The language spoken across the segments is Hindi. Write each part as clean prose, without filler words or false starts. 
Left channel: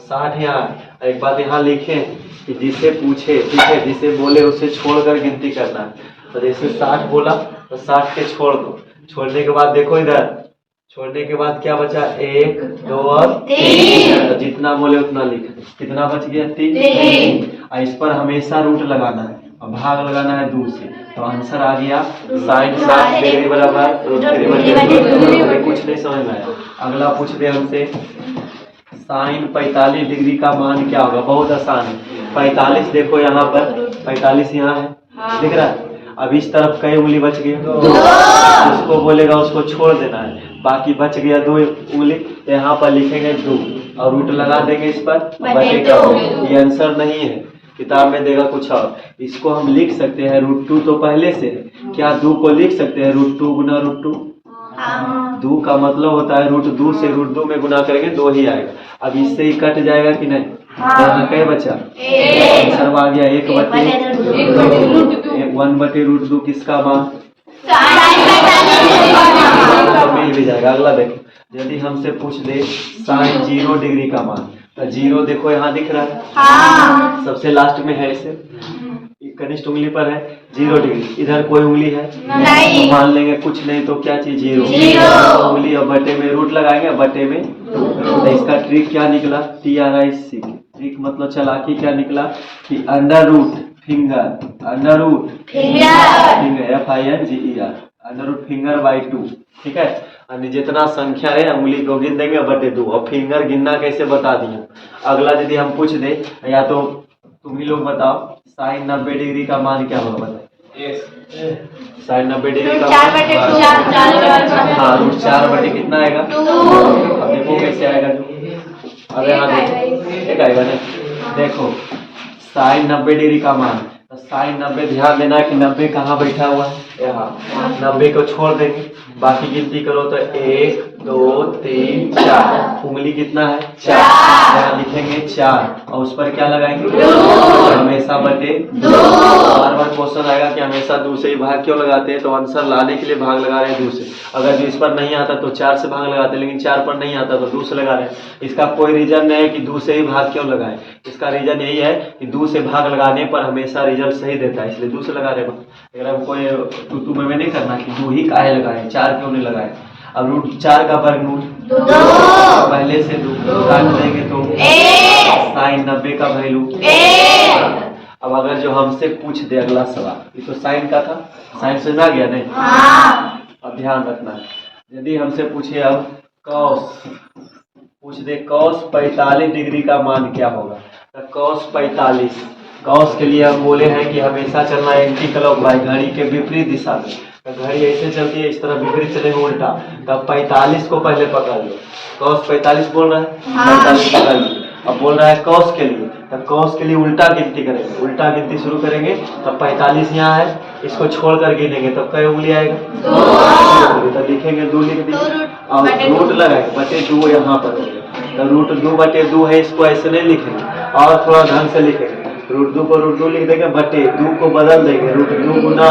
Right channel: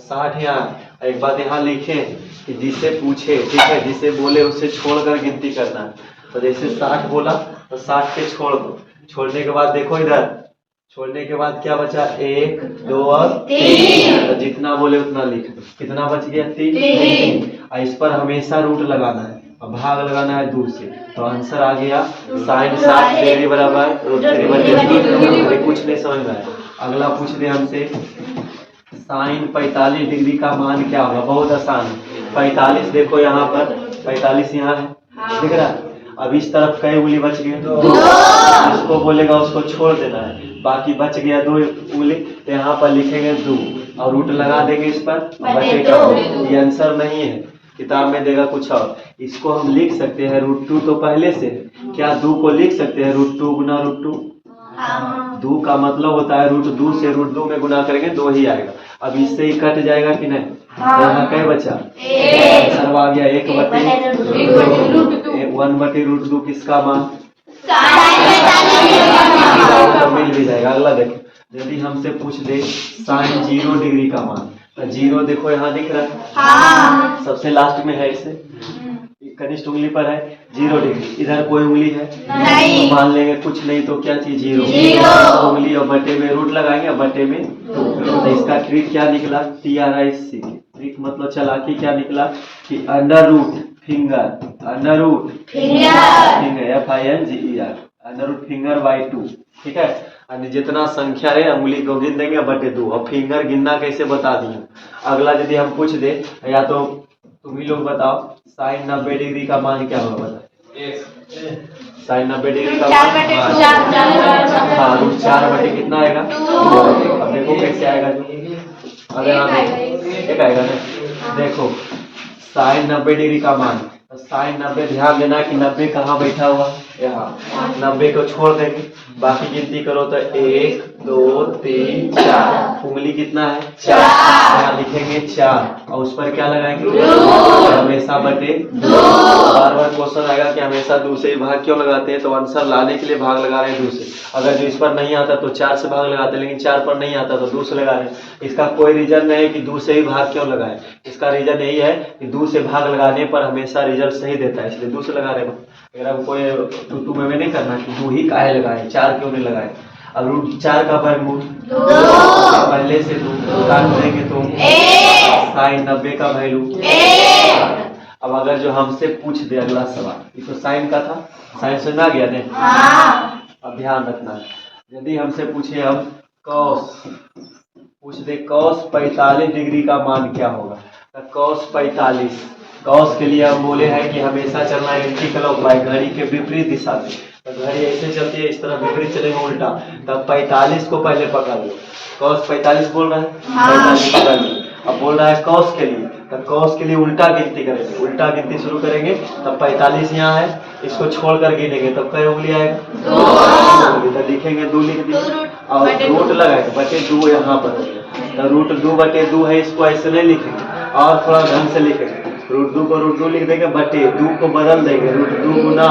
60 यहाँ। एक बात यहाँ लिखे कि जिसे पूछे, ठीक है, जिसे बोले उसे छोड़कर गिनती करना है। तो जैसे 60 बोला तो 60 के छोड़ दो। छोड़ने के बाद देखो इधर, छोड़ने के बाद क्या बचा, 1 2 और 3। तो जितना बोले उतना लिख दो। कितना बच गया, 3। और इस पर हमेशा रूट लगाना है और भाग लगाना है 2 से। तो आंसर आ गया sin 60 डिग्री बराबर √3/2। कुछ नहीं समझ में आया। अगला पूछ रहे हमसे sin 45 डिग्री का मान क्या होगा। बहुत आसान है। 45 देखो यहाँ पर, 45 यहाँ है, दिख रहा है। अब इस तरफ कई उंगली बच गए, उसको बोलेगा उसको छोड़ देना है। बाकी बच गया 2 उंगली, तो यहाँ पर लिखेंगे 2 और रूट लगा देंगे इस पर, बटे का। ये आंसर नहीं है, किताब में देगा कुछ और। इसको हम लिख सकते हैं √2 तो पहले से है। क्या 2 को लिख सकते हैं √2 गुना √2? 2 का मतलब होता है √2 से √2 में गुना करेंगे 2 ही आएगा। अब इससे ही कट जाएगा कि नहीं। तो यहाँ क्या बचा, आंसर आ गया 1/√2 किसका मान, तो मिल भी जाएगा। अगला देखो, यदि हमसे पूछ दे sin 0 डिग्री का मान, तो 0 देखो यहाँ दिख रहा है, सबसे लास्ट में है, इसे कनिष्ठ उंगली पर है 0 डिग्री। इधर कोई उंगली है नहीं, तो मान लेंगे कुछ नहीं तो क्या चीज 0 उंगली, और बटे में रूट लगाएंगे, बटे में 2। तो इसका ट्रिक क्या निकला, TRIC ट्रिक मतलब चालाकी क्या निकला कि अंडर फिंगर √5 ठीक है। यानी जितना संख्या है उंगली को गिन देंगे बटे 2, और फिंगर गिनना कैसे बता दिए। अगला यदि हम पूछ दे, या तो तुम ही लोग बताओ sin 90 डिग्री का मान क्या होगा, बताओ। sin 90 डिग्री का मान हाँ √4 बटे कितना आएगा, अब देखो कैसे आएगा। अरे हाँ देखो एक आएगा ना, देखो sin 90 डिग्री का मान, तो sin 90 ध्यान देना कि 90 कहाँ बैठा हुआ है, यहाँ। 90 को छोड़ देंगे, बाकी गिनती करो तो 1 2 3 4, उंगली कितना है 4, यहाँ लिखेंगे 4 और उस पर क्या लगाएंगे, हमेशा बटे 2। बार बार क्वेश्चन आएगा कि हमेशा 2 से ही भाग क्यों लगाते हैं, तो आंसर लाने के लिए भाग लगा रहे हैं 2 से। अगर जो इस पर नहीं आता तो 4 से भाग लगाते हैं, लेकिन 4 पर नहीं आता तो 2 से लगा रहे हैं। इसका कोई रीजन नहीं है कि 2 से ही भाग क्यों लगाए, इसका रीजन यही है कि 2 से भाग लगाने पर हमेशा रिजल्ट सही देता है, इसलिए 2 से लगा रहे हैं। अगर हम कोई टू में नहीं करना कि 2 ही काहे लगाए, 4 क्यों नहीं लगाए। अब √4 का वर्गमूल पहले से 2 काट देंगे तो sin 90 का वैल्यू। अब अगर जो हमसे पूछ दे अगला सवाल, ये तो साइन का था, साइन समझ आ गया नहीं। अब ध्यान रखना है, यदि हमसे पूछे अब cos, पूछ दे cos 45 डिग्री का मान क्या होगा, तो cos 45, cos के लिए हम बोले हैं कि हमेशा चलना एंटी क्लॉकवाइज, घड़ी के विपरीत दिशा में। तो घड़ी ऐसे चलती है, इस तरह विपरीत चलेगा उल्टा, तब 45 को पहले पकड़ लो। cos 45 बोल रहा है, 45 पकड़ लो। अब बोल रहा है cos के लिए, तब cos के लिए उल्टा गिनती करेंगे, उल्टा गिनती शुरू करेंगे, तब 45 यहाँ है, इसको छोड़कर गिनेंगे तब कई उंगली आएगा, 2। तो लिखेंगे 2 लिख दिए और रूट लगाएंगे, बटे 2 यहाँ पर। तो √2/2 है, इसको ऐसे नहीं लिखेंगे और थोड़ा ढंग से लिखेंगे। √2 को √2 लिख देंगे, बटे 2 को बदल देंगे, √2 गुना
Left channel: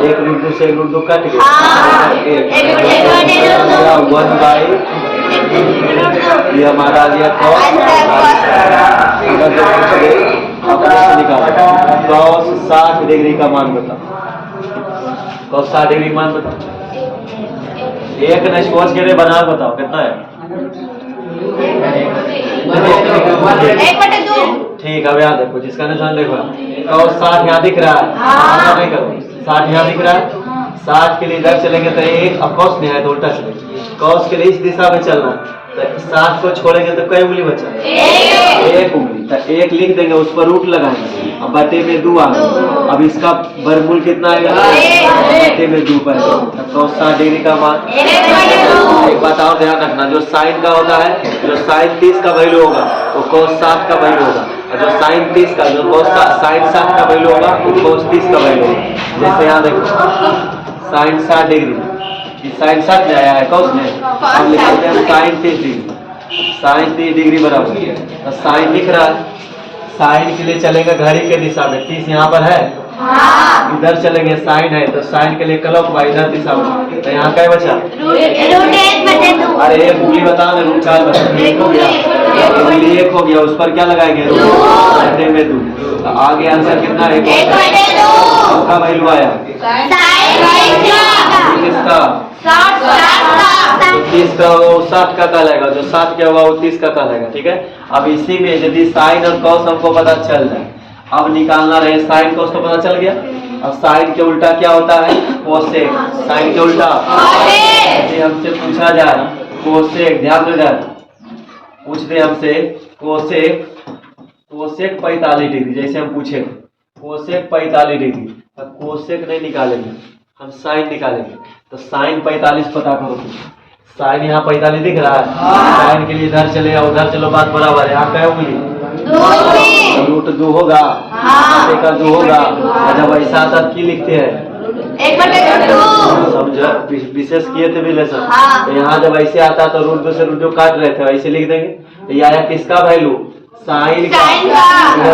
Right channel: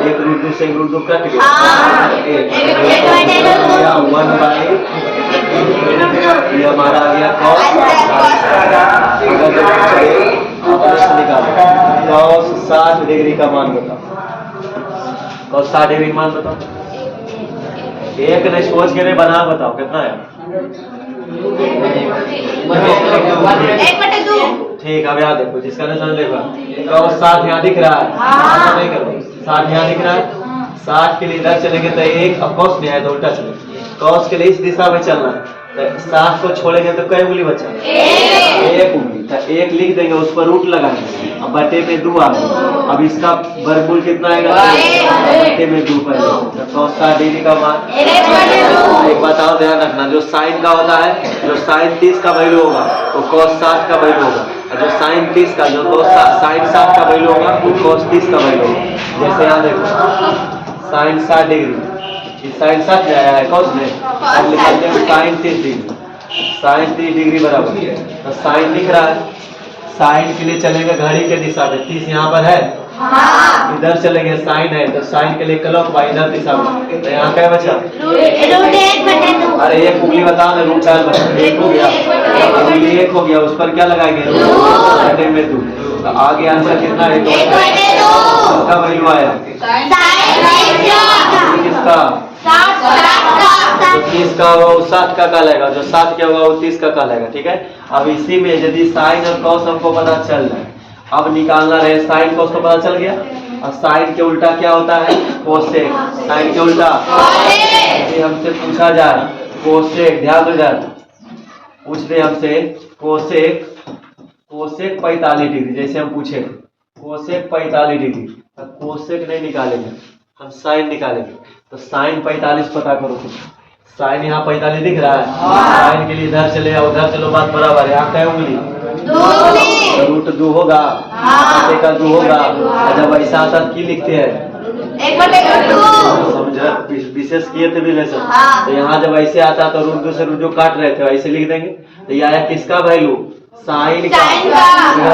1, √2 से 1 कट गया, 1/, ये हमारा आ गया cos। अगर जो पूछ गए अपने से निकालो, cos 60 डिग्री का मान बताओ, cos 60 डिग्री मान बताओ। एक नहीं सोच के नहीं बना, बताओ कितना है। ठीक है, अब याद देखो, जिसका निशान देखो, cos 60 यहाँ दिख रहा है, नहीं करो 60 यहाँ दिख रहा है, 60 के लिए इधर चलेंगे तो 1, अब cos में है तो उल्टा चलेंगे, cos के लिए इस दिशा में चलना है, तो 60 को छोड़ेंगे तो कई उंगली बचा, 1 उंगली, तो 1 लिख देंगे, उस पर रूट लगाएंगे, अब बटे में 2 आ गया। अब इसका वर्गमूल कितना आएगा, बटे में 2 पहले, तो cos 60 डिग्री का मान। एक बात और ध्यान रखना, जो साइन का होता है, जो sin 30 का वैल्यू होगा वो cos 60 का वैल्यू होगा, और जो sin 30 का, जो sin 60 का वैल्यू होगा वो cos 30 का वैल्यू होगा। जैसे यहाँ देखो sin 60 डिग्री, sin 60 में आया है cos में, अब लिखते हैं sin 30 डिग्री, sin 30 डिग्री बराबर, तो sin लिख रहा है, साइन के लिए चलेंगे घड़ी के दिशा में, 30 यहाँ पर है, इधर चलेंगे साइन है, तो साइन के लिए क्लॉकवाइज इधर दिशा में, तो यहाँ क्या बचा, अरे एक उंगली बता, मैं रूट का बता, 1 हो गया, एक हो गया, उस पर क्या लगाएंगे, बटे में 2। तो आगे आंसर कितना है, 1/2 का वैल्यू आया किसका, 30 का होगा वो 60 का कहलाएगा, जो 60 क्या होगा वो 30 का कहलाएगा। ठीक है, अब इसी में यदि साइन और कॉस हमको पता चल जाए, अब निकालना रहे साइन कॉस तो पता चल गया, अब साइन के उल्टा क्या होता है, कोसेक। साइन के उल्टा यदि हमसे पूछा जाए कोसेक, ध्यान दो इधर, पूछ दे हमसे कोसेक 45 डिग्री, जैसे हम पूछे कोसेक 45 डिग्री, अब कोसेक नहीं निकालेंगे, हम साइन निकालेंगे। तो साइन 45 पता करो, साइन यहाँ 45 दिख रहा है, साइन के लिए इधर चले या उधर चलो, बात बराबर है। यहाँ कहे उंगली √2 होगा, बटे का 2 होगा, जब ऐसा आता की लिखते हैं, समझा, विशेष किए थे भी लेसन। तो यहाँ जब ऐसे आता तो √2 से √2 काट रहे थे, वैसे लिख देंगे। तो ये आया किसका वैल्यू, साइन का,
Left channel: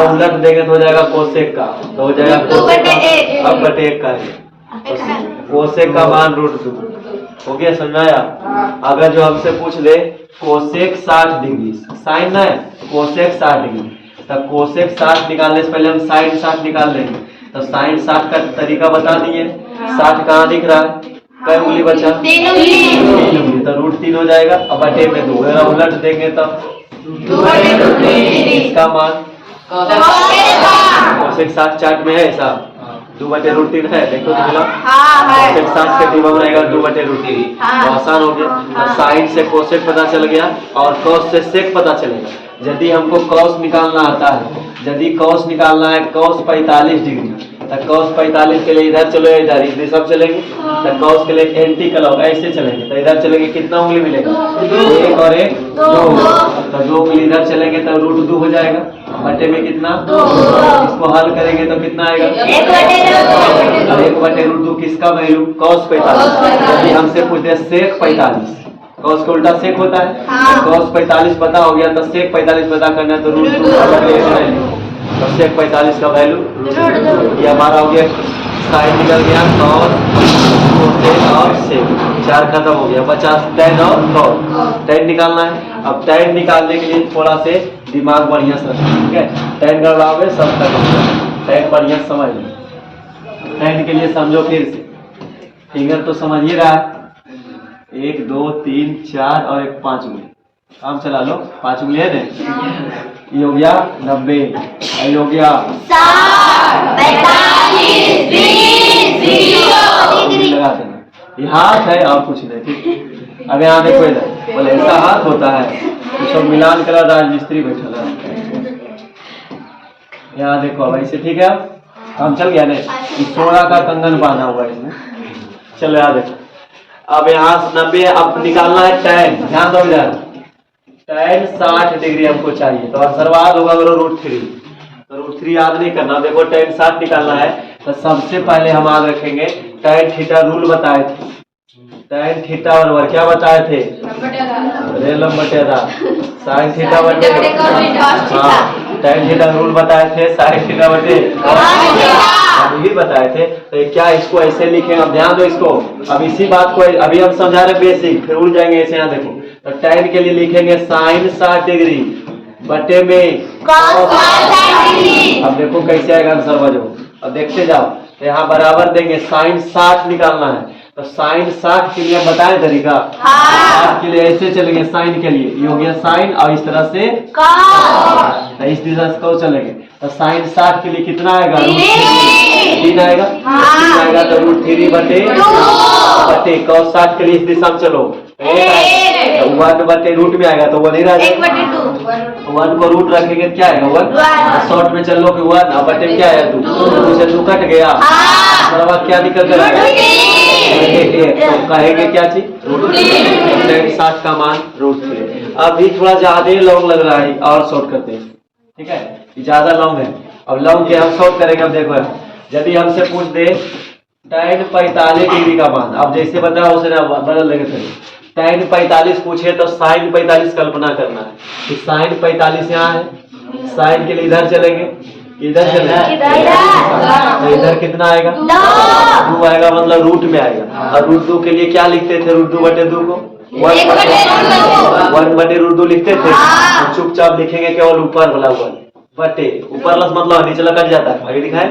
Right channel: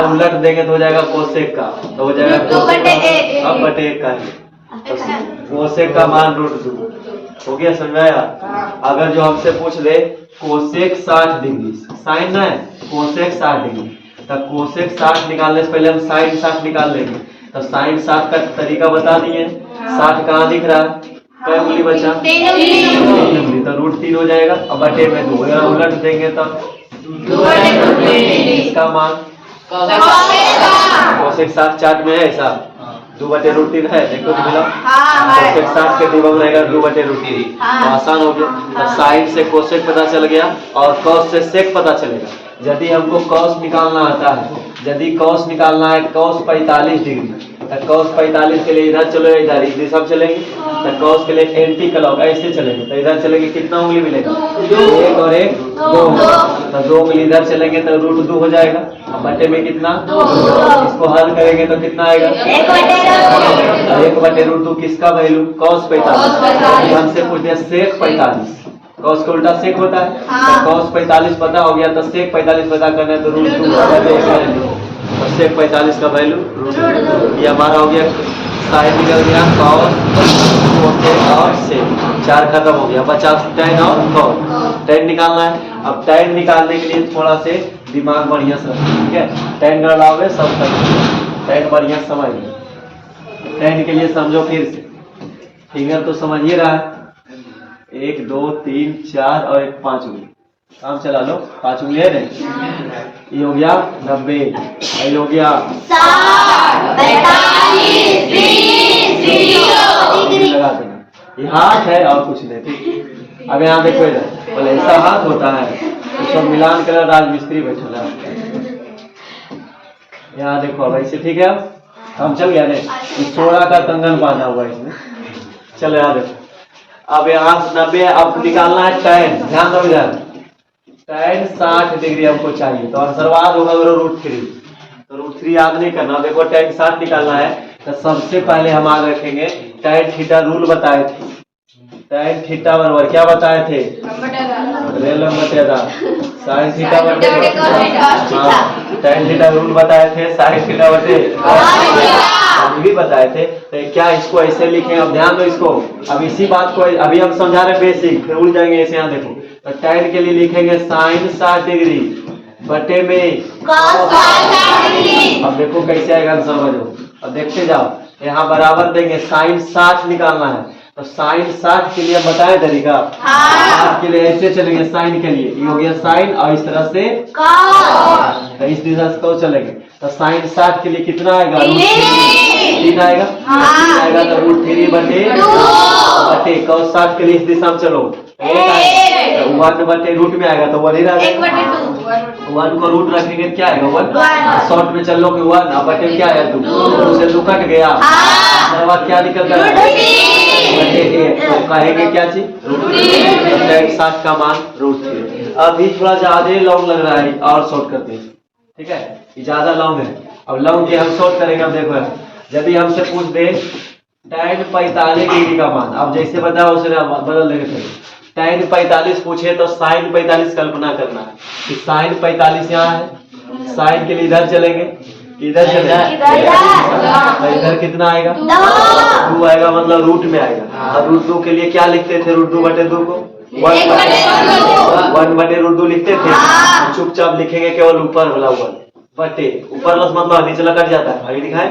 उलट देंगे तो हो जाएगा कोसेक का, तो हो जाएगा कोसेक का, अब बटे 1 का है, कोसेक का मान √2 हो गया, समझाया। अगर जो हमसे पूछ ले कोसेक 60 डिग्री, साइन ना है, कोसेक 60 डिग्री, तो कोसेक 60 निकालने से पहले हम साइन 60 निकाल लेंगे। तो साइन 60 का तरीका बता दिए, 60 कहाँ दिख रहा है, कई उंगली बचा, 3 उंगली, तो √3 हो जाएगा, अब बटे में 2, अगर उलट देंगे तब इसका मान कोसेक 60 चार्ट में है ऐसा 2/√3 है, देखो तो मिला, कोसेक 60 के डिब्बा में रहेगा 2/√3, तो आसान हो गया। तो साइन से कोसेक पता चल गया और कॉस से सेक पता चलेगा। यदि हमको कॉस निकालना आता है, यदि कॉस निकालना है कॉस 45 डिग्री, तो कॉस 45 के लिए इधर चलो, इधर इधर सब चलेंगे, तो कॉस के लिए एंटी क्लॉक ऐसे चलेंगे, तो इधर चलेंगे कितना उंगली मिलेगा, 1 और 1 2, तो 2 उंगली इधर चलेंगे तो √2 हो जाएगा, बटे में कितना 2, इसको हल करेंगे तो कितना आएगा 1/√2 किसका वैल्यू, कॉस 45। यदि हमसे पूछते हैं सेक 45, कॉस का उल्टा सेक होता है, तो कॉस 45 पता हो गया, तो सेक 45 पता करना, तो √2 और सेक 45 का वैल्यू ये हमारा हो गया। साइन निकल गया, कॉस और सेक, 4 खत्म हो गया, 50 tan और cos, tan निकालना है। अब tan निकालने के लिए थोड़ा से दिमाग बढ़िया से, ठीक है, tan गड़बड़ावे सब खत्म, tan बढ़िया समझ लो। tan के लिए समझो फिर से, फिंगर तो समझ ही रहा है, 1 2 3 4 और 1 5 उंगली, काम चला लो, 5 उंगली है ना, ये हो गया 90, ये हो गया 60 45 20 लगा देना, ये हाथ है और कुछ नहीं, ठीक। अब यहाँ देखो इधर, बोले ऐसा हाथ होता है, तो सब मिलान कर राजमिस्त्री बैठा है, यहाँ देखो अब ऐसे, ठीक है, काम चल गया नहीं, सोना का कंगन बांधा हुआ है इसमें, चलो यार देखो। अब यहाँ 90, अब निकालना है tan, ध्यान दो इधर, tan 60 डिग्री हमको चाहिए, तो आंसरवाद होगा √3, तो √3 याद नहीं करना। देखो tan 60 निकालना है, तो सबसे पहले हम आगे रखेंगे tan थीटा, रूल बताए थे, tan थीटा बराबर क्या बताए थे, लंबटेदार sin थीटा बटे, हाँ tan थीटा रूल बताए थे, sin थीटा बटे भी बताए थे। तो क्या इसको ऐसे लिखें, अब ध्यान दो इसको, अब इसी बात को अभी हम समझा रहे बेसिक, फिर उड़ जाएंगे ऐसे। यहाँ देखो, तो tan के लिए लिखेंगे sin 60 डिग्री बटे में cos 60 डिग्री। अब देखो कैसे आएगा आंसर, समझो, अब देखते जाओ। तो यहाँ बराबर देंगे, sin 60 निकालना है, तो sin 60 के लिए बताए तरीका, 60 के लिए ऐसे चलेंगे, sin के लिए ये हो गया sin, और इस तरह से cos, तो इस दिशा से cos चलेंगे, तो sin 60 के लिए कितना आएगा, √3 आएगा, 3 आएगा तो √3 बटे cos 60 के लिए इस दिशा में चलो, 1 बटे रूट में आएगा तो 1 ही रह जाएगा, 1 को रूट रखेंगे क्या आएगा 1, शॉर्ट में चल लो कि 1, अब बटे क्या आया 2, 2 से 2 कट गया, बाद क्या निकल कर आएगा, तो कहेंगे क्या चीज, √3, 60 का मान √3। अभी थोड़ा ज्यादा लॉन्ग लग रहा है और शॉर्ट करते हैं, ठीक है, ज्यादा लॉन्ग है, अब लॉन्ग के हम शॉर्ट करेंगे। अब देखो, यदि हमसे पूछ दे tan 45 डिग्री का मान, अब जैसे बताया उसे बदल देंगे, चलिए tan 45 पूछे तो sin 45 कल्पना करना है कि sin 45 यहाँ है, sin के लिए इधर चलेंगे, इधर चलेंगे, तो इधर कितना आएगा 2 आएगा, मतलब रूट में आएगा, और √2 के लिए क्या लिखते थे, √2 बटे 2 को 1/√2 लिखते थे। हम चुपचाप लिखेंगे केवल ऊपर वाला 1 बटे ऊपर वाला मतलब नीचे कट जाता है, अभी लिखा है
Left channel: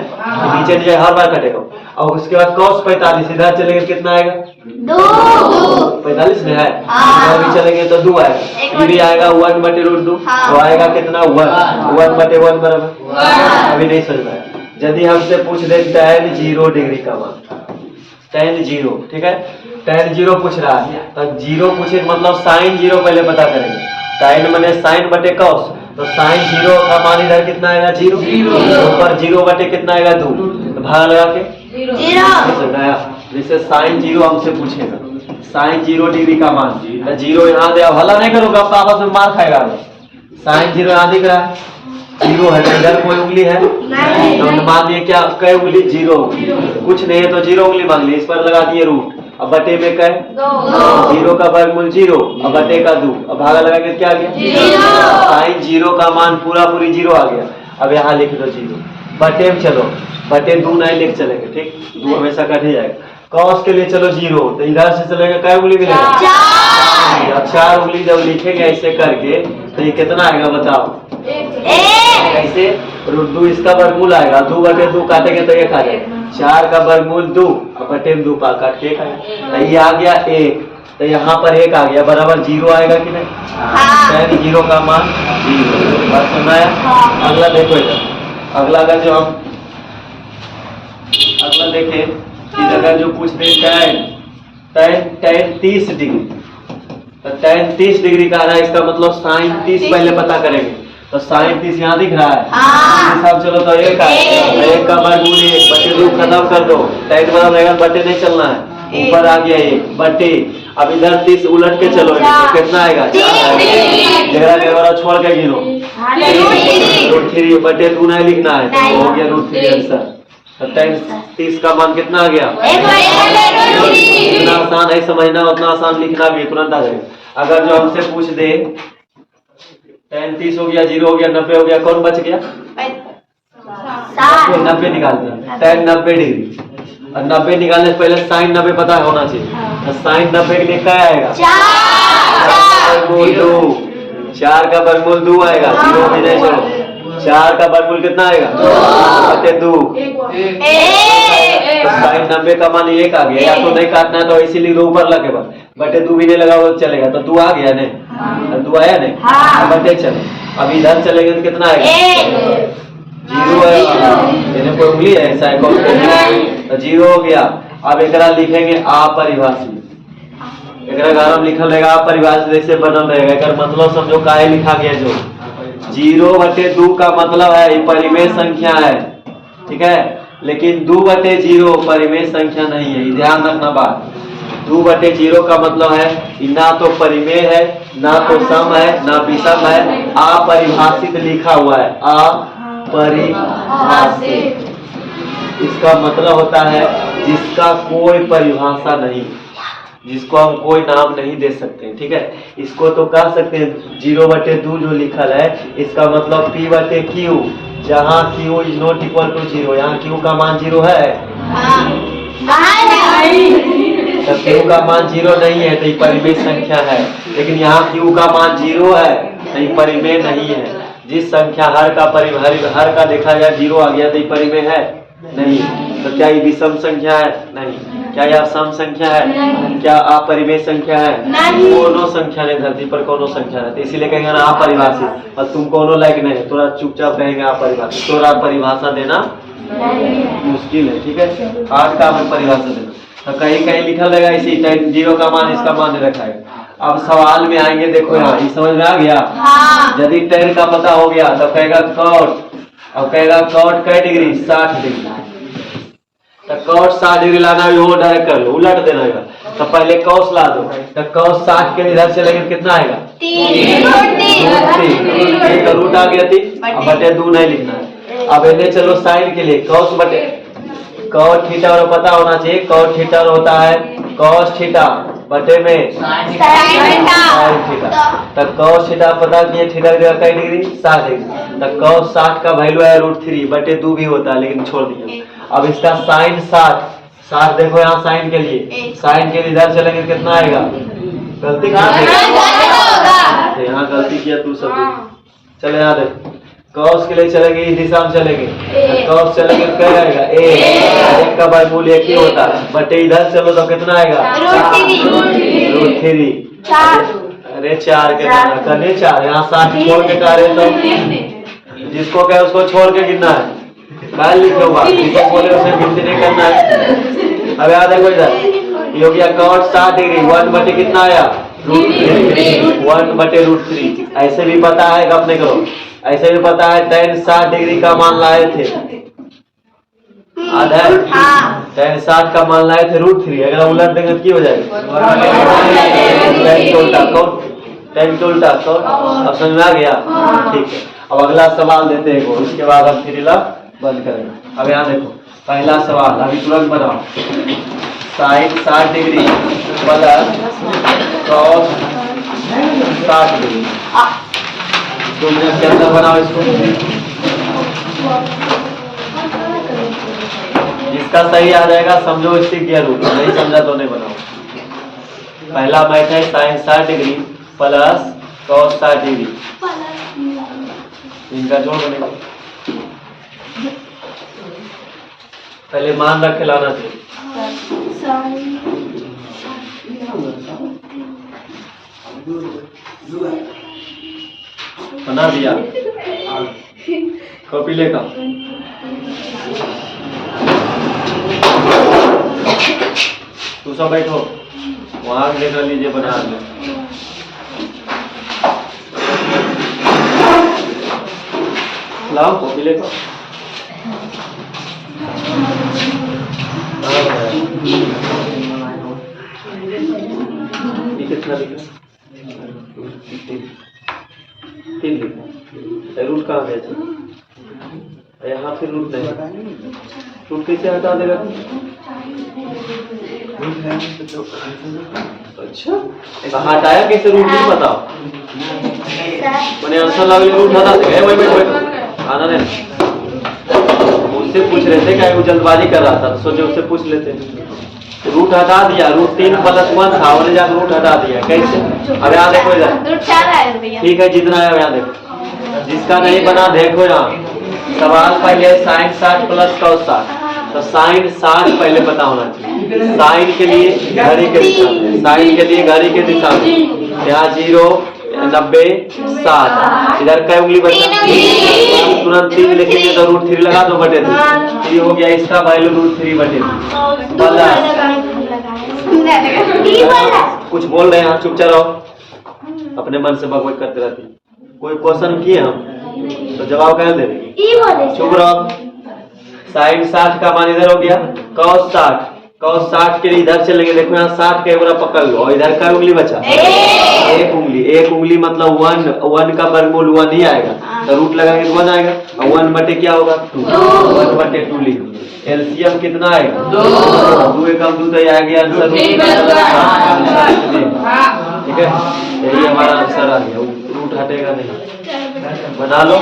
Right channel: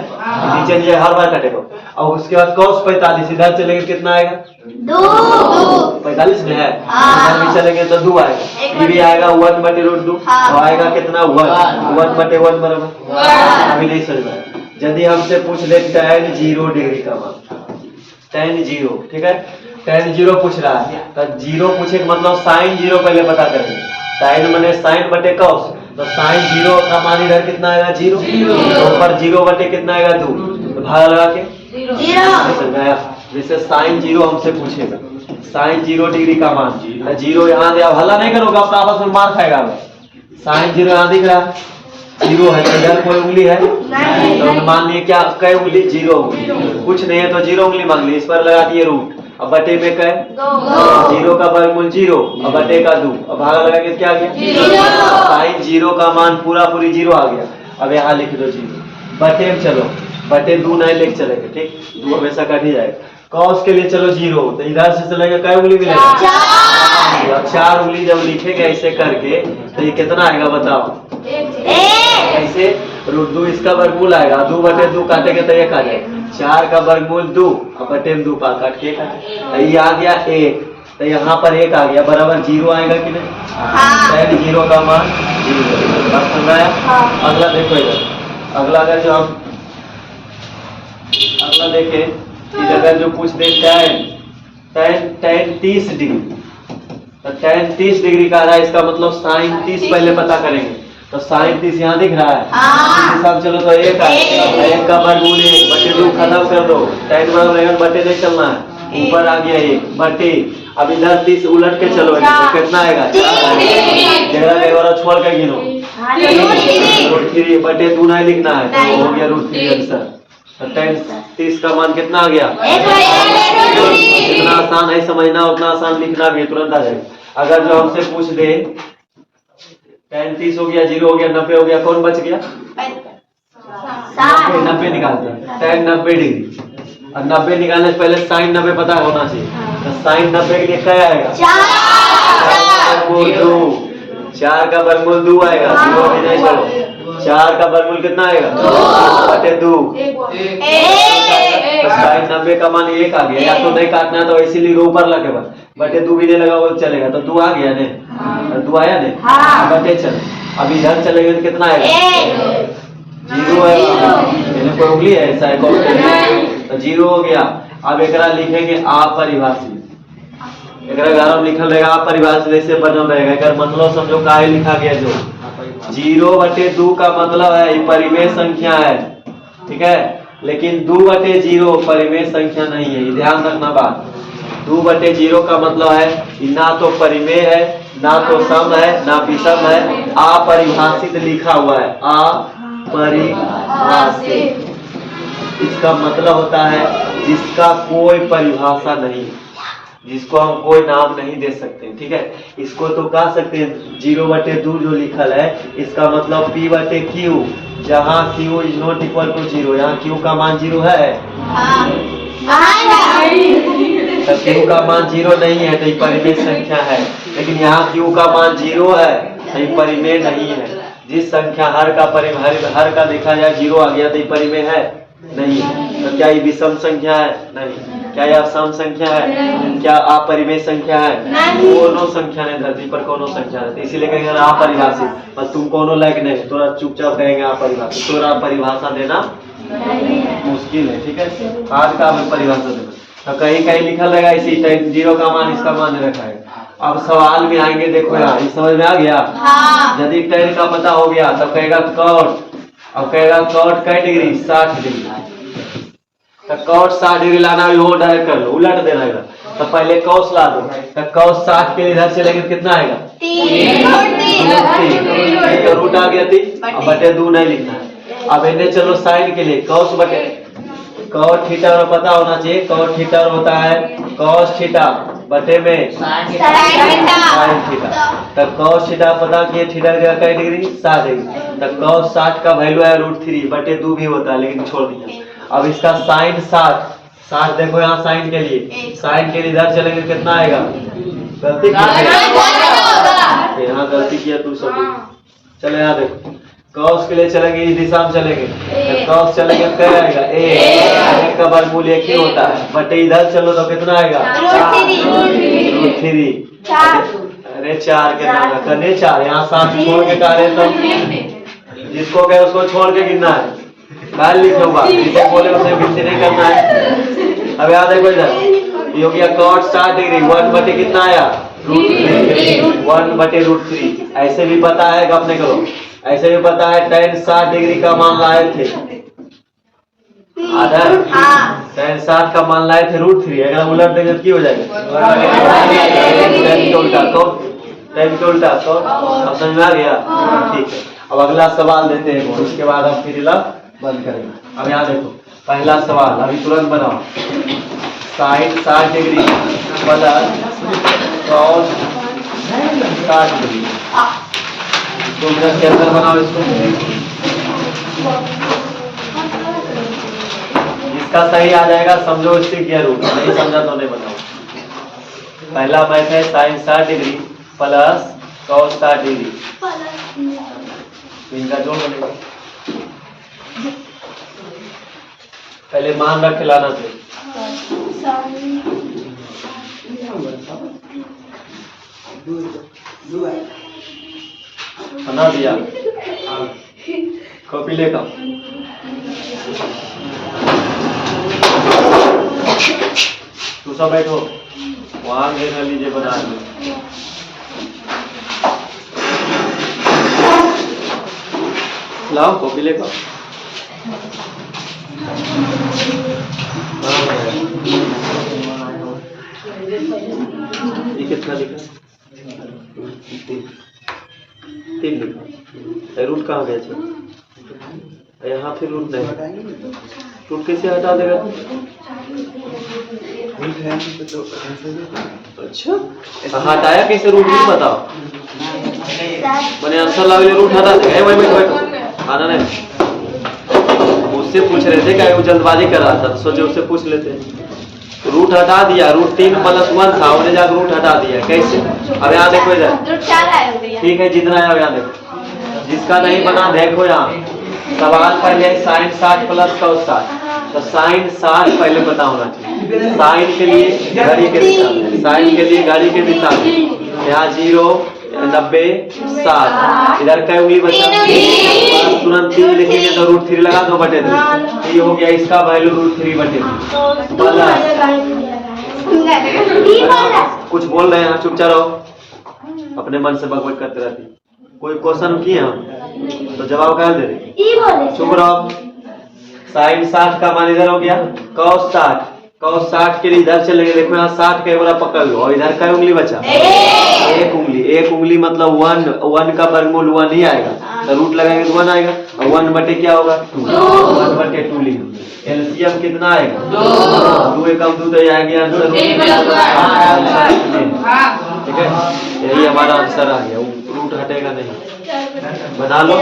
नीचे नीचे हर बार कटेगा। और उसके बाद cos 45 इधर चलेंगे कितना आएगा 45 में है, इधर भी चलेंगे तो 2 आएगा, ये भी आएगा 1/√2 तो आएगा कितना 1/1 बराबर। अभी नहीं समझ पाया। यदि हमसे पूछ दे tan 0 डिग्री का मान, tan 0 ठीक है, tan 0 पूछ रहा है तो 0 पूछे मतलब sin 0 पहले पता करेंगे। sin माने sin बटे cos, तो sin 0 का मान इधर कितना आएगा 0, ऊपर 0 बटे कितना आएगा 2, तो भाग लगा के 0 समझाया। जैसे sin 0 हमसे पूछेगा sin 0 डिग्री का मान, तो 0 यहाँ दे, अब हल्ला नहीं करोगे आप आपस में मार खाएगा। sin 0 यहाँ दिख रहा है 0 है, तो इधर कोई उंगली है तो मान लिए क्या कई उंगली 0 कुछ नहीं है तो 0 उंगली मान ली, इस पर लगा दिए रूट, अब बटे में कै 0 का वर्गमूल 0, अब बटे का 2, अब भागा लगा के क्या आ गया sin 0 का मान पूरा पूरी 0 आ गया। अब यहाँ लिख दो 0 बटे में, चलो बटे 2 नहीं लिख चलेंगे ठीक, 2 हमेशा कट ही जाएगा। cos के लिए चलो 0, तो इधर से चलेगा कै उंगली मिलेगा 4 उंगली। जब लिखेंगे ऐसे करके तो ये कितना आएगा बताओ, कैसे √2 इसका वर्गमूल आएगा, 2/2 काटेंगे तो 1 आ जाएगा, 4 का वर्गमूल 2 और बटे में 2 पा काट के 1 आएगा, तो ये आ गया 1, तो यहाँ पर 1 आ गया बराबर 0 आएगा कि नहीं, tan 0 का मान 0। बात सुन रहा है। अगला देखो इधर, अगला अगर जो हम अगला देखें इधर अगर जो पूछ दे tan 30 डिग्री, तो tan 30 डिग्री का आ रहा है, इसका मतलब sin 30 पहले पता करेंगे, तो sin 30 यहाँ दिख रहा है सब। चलो तो 1 आए, 1 का वर्गमूल 1 बटे 2 खत्म कर दो, tan बराबर रहेगा बटे नहीं चलना है, ऊपर आ गया 1 बटे, अब इधर 30 उलट के चलो तो कितना आएगा 4 वाला छोड़ के गिनो √3 बटे 2 नहीं लिखना है तो हो गया √3 आंसर। तो tan 30 का मान कितना आ गया, जितना आसान है समझना उतना आसान लिखना भी तुरंत आ जाएगा। अगर जो हमसे पूछ दे tan 30 हो गया 0 हो गया 90 हो गया, कौन बच गया 90 निकालते हैं, tan 90 डिग्री, और 90 निकालने से पहले sin 90 पता होना चाहिए, तो sin 90 के लिए क्या आएगा 4 का वर्गमूल 2 आएगा, 0 भी नहीं चलो, 4 का वर्गमूल कितना आएगा बटे 2, तो sin 90 का मान 1 आ गया, या तो नहीं काटना है तो इसीलिए ऊपर लगे बस बटे 2 भी नहीं लगा वो चलेगा, तो 2 आ गया नहीं, 2 आया नहीं, बटे चलो। अब इधर चलेंगे तो कितना आएगा 0 है, इन्हें कोई उंगली है ऐसा तो 0 हो गया। अब एक लिखेंगे अपरिभाषित, एक घर हम लिखल रहेगा अपरिभाषित, जैसे बनल रहेगा, अगर मतलब समझो काहे लिखा गया जो 0/2 का मतलब है ये परिमेय संख्या है ठीक है, लेकिन 2/0 परिमेय संख्या नहीं है, ध्यान रखना बात। 2/0 का मतलब है कि ना तो परिमेय है ना तो सम है ना विषम है, अपरिभाषित लिखा हुआ है, अपरिभाषित। इसका मतलब होता है जिसका कोई परिभाषा नहीं, जिसको हम कोई नाम नहीं दे सकते ठीक है। इसको तो कह सकते हैं 0/2 जो लिखल है इसका मतलब P/Q, जहाँ Q is not equal to 0, यहाँ Q का मान 0 है तो Q का मान 0 नहीं है तो ये परिमेय संख्या है, लेकिन यहाँ Q का मान 0 है तो ये परिमेय नहीं है। जिस संख्या हर का देखा जाए 0 आ गया तो ये परिमेय है नहीं, तो क्या ये विषम संख्या है नहीं, क्या ये सम संख्या है, क्या अपरिमेय संख्या है, कोनो संख्या नहीं, धरती पर कोनो संख्या नहीं, तो इसीलिए कहेंगे ना अपरिभाषित, और तुम कोनो लायक नहीं है, थोड़ा चुपचाप कहेंगे अपरिभाषित, थोड़ा परिभाषा देना मुश्किल है ठीक है, आज का हमें परिभाषा देना। तो कहीं कहीं लिखल रहेगा इसी tan 0 का मान इसका मान रखा है। अब सवाल में आएंगे, देखो यहाँ ये समझ में आ गया, यदि tan का पता हो गया तो कहेगा cot, अब कहेगा cot कै डिग्री 60 डिग्री, तो cot 60 डिग्री लाना है वो डायरेक्ट कर लो, उलट देना है, तो पहले cos ला दो, तो cos 60 के इधर से लेकर कितना आएगा 3 रूट आ गया 3, अब बटे 2 नहीं लिखना है। अब इन्हें चलो साइन के लिए cos बटे cos थीटा और पता होना चाहिए, cos थीटा होता है cos थीटा बटे में sin थीटा, तो cos थीटा पता किए थीटा कै डिग्री 60 डिग्री, तो cos 60 का वैल्यू है √3 बटे 2 भी होता है लेकिन छोड़ दिया। अब इसका sin 60 देखो यहाँ साइन के लिए इधर चलेंगे कितना आएगा गलती यहाँ गलती किया तू सब। चले यहाँ देख, कॉस के लिए चलेंगे इस दिशा में चलेंगे, कॉस चलेंगे क्या आएगा एक का वर्गमूल एक ही होता है, बटे इधर चलो तो कितना आएगा √3। अरे 4 के करने 4 यहाँ 7 छोड़ के का रहे तो जिसको कहे उसको छोड़ के गिनना है, बाहर लिखो बात, जिसे बोले उसे गिनती नहीं करना है। अब याद है कोई इधर ये हो गया cot 60 डिग्री 1 बटे कितना आया √3, 1 बटे √3। ऐसे भी पता है अपने को, ऐसे भी पता है tan 60 डिग्री का मान लाए थे, आधा tan 60 का मान लाए थे √3। अगर उलट देंगे तो क्या हो जाएगा tan के उल्टा cot, tan के उल्टा cot। अब समझ में आ गया? ठीक है, अब अगला सवाल देते हैं वो, इसके बाद हम फिर बंद करेंगे। अब यहाँ देखो पहला सवाल अभी तुरंत बनाओ, sin 60 degree plus cos 60 degree, 2 minute के अंदर बनाओ इसको। जिसका सही आ जाएगा समझो इससे क्या रूप, नहीं समझा तो नहीं बनाओ। पहला मैथ है sin 60 degree plus cos 60 degree, इनका जोड़ बनेगा। पहले मान रख के लाना चाहिए। बना दिया, कॉपी लेगा। तू सब बैठो, वहां देखा लीजिए, बना लो। लाओ कॉपी लेगा। ये कितना लिखा? 3 लिखा। रूट कहाँ गया? यहाँ फिर रूट नहीं, रूट कैसे हटा देगा? अच्छा हटाया कैसे रूट नहीं बताओ, मैंने आंसर लगा रूट हटा देगा। आना नहीं, उससे पूछ रहे थे क्या वो जल्दबाजी कर रहा था, सोचे उससे पूछ लेते। रूट हटा दिया, √3 + 1 था, उन्हें जाकर रूट हटा दिया। कैसे? अब यहाँ देखो इधर, ठीक है जितना आया यहाँ देखो, जिसका नहीं बना देखो यहाँ। सवाल पहले sin 60 प्लस cos 60, तो sin 60 पहले पता होना चाहिए। sin के लिए घड़ी के दिशा में, sin के लिए घड़ी के दिशा में, यहाँ 0 90 60, इधर क्या उंगली बचा? तुरंत 3 लिखेंगे तो √3 लगा दो बटे 2, ये हो गया इसका वैल्यू √3 बटे 2 प्लस। कुछ बोल रहे हैं, चुपचाप रहो, अपने मन से बकवास करते रहती। कोई क्वेश्चन किए हम तो जवाब क्या दे रहे? चुप रहो। sin 60 का मान इधर हो गया, cos 60, cos 60 के लिए इधर चलेंगे। देखो यहाँ 60 का एक पकड़ लो, और इधर का उंगली बचा एक उंगली मतलब 1 का वर्गमूल 1 ही आएगा, तो रूट लगाएंगे तो 1 आएगा, और 1 बटे क्या होगा 2, 1 बटे 2 लिख। एलसीएम कितना आएगा 2, 1 कम 2 तो आ गया आंसर। ठीक है, यही हमारा आंसर आ गया, रूट हटेगा नहीं। बना लो।